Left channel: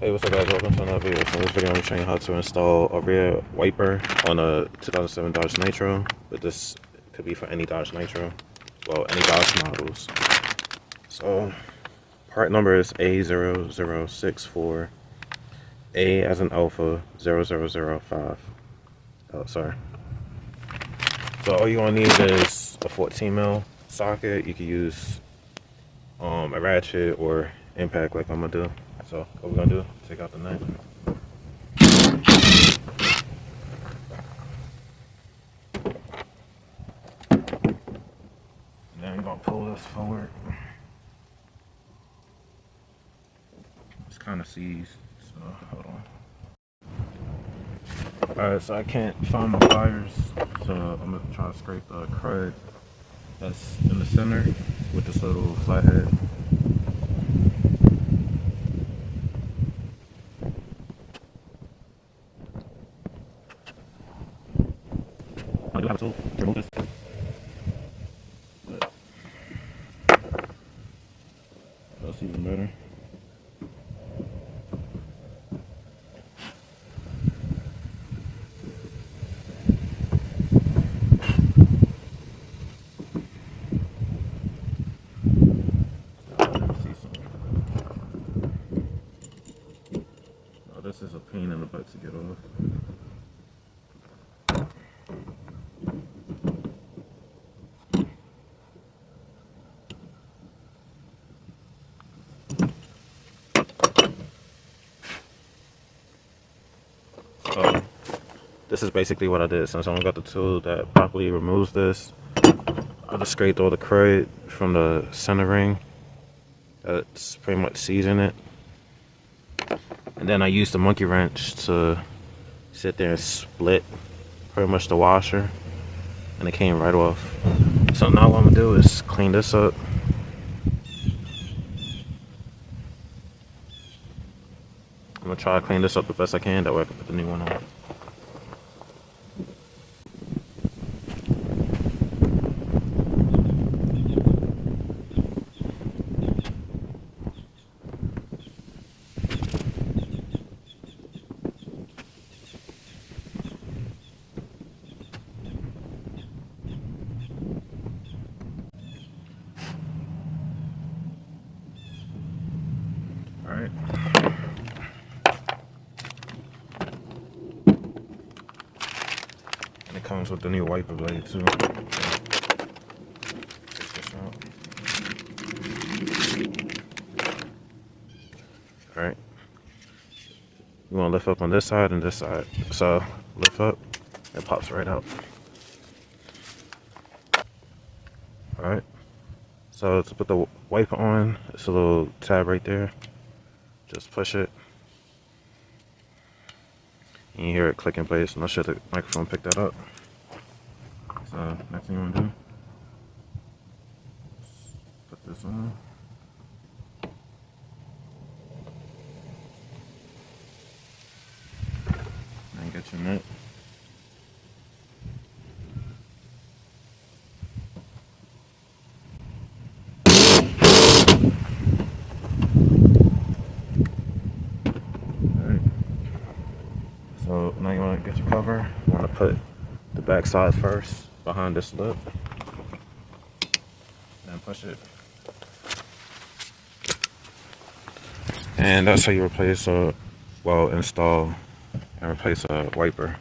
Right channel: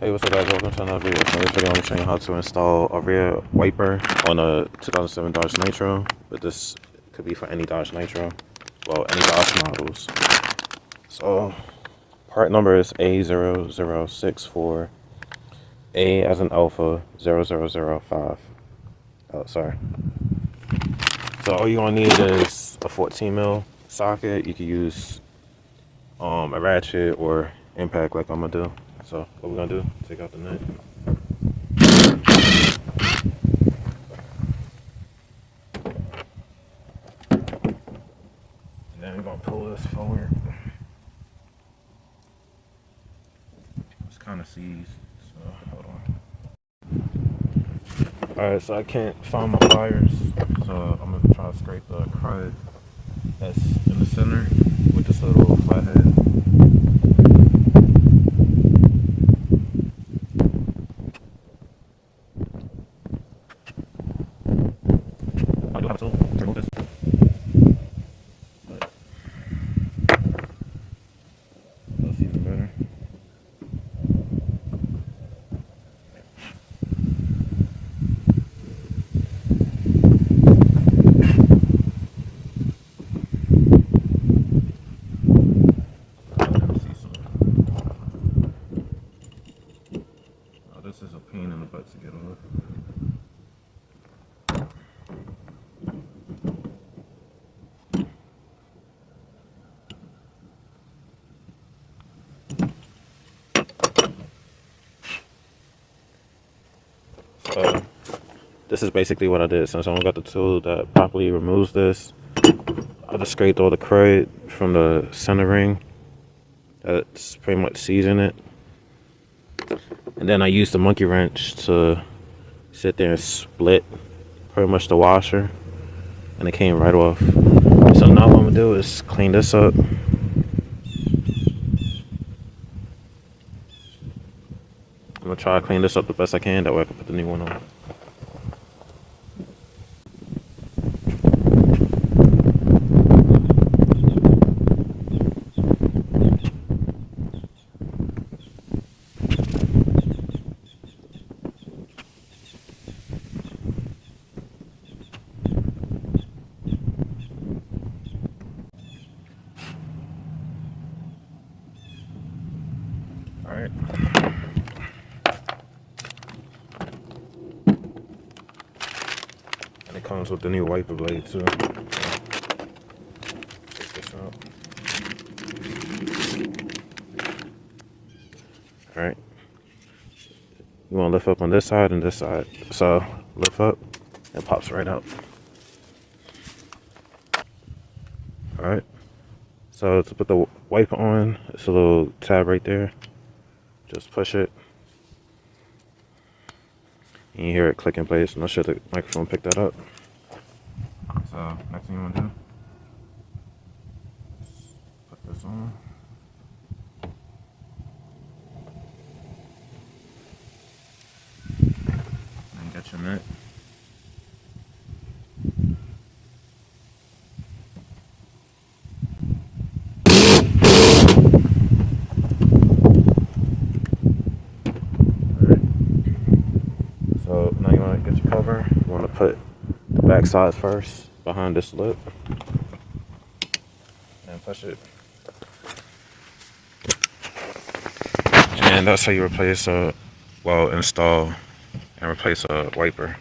Hey, what's up guys, welcome to another video. So in this video I'm showing you how to install a rear wiper on a 2007 Dodge Nitro, but this could be for any Dodge Nitro, well any Dodge models. So part number is A0064, A as in Alpha 0005. Oh, sorry. So all you're gonna need is a 14mm socket. You can use a ratchet or impact like I'm gonna do. So what we're gonna do, take out the nut. And then we're gonna pull this forward. It's kind of seized, so hold on. Alright, so I can't find my wires, so I'm gonna try to scrape the crud that's in the center with this little flathead. I do have a tool to remove this. But that's even better. This is a pain in the butt to get off. So this is basically what I did. So someone got the tool that properly removes this. I just scraped all the crud from the center ring that's pretty much seizing it. And then I used the monkey wrench to sit there and split pretty much the washer, and it came right off. So now what I'm gonna do is clean this up. I'm gonna try to clean this up the best I can, that way I can put the new one on. Alright. And it comes with the new wiper blade too. Take this out. Alright. You want to lift up on this side and this side. So lift up, it pops right out. Alright. So to put the wiper on, it's a little tab right there. Just push it. And you hear it click in place. I'm not sure the microphone picked that up. So next thing you want to do, put this on. And get your nut. So now you want to get your cover. You want to put the back side first behind this lip and push it. And that's how you replace install and replace a wiper.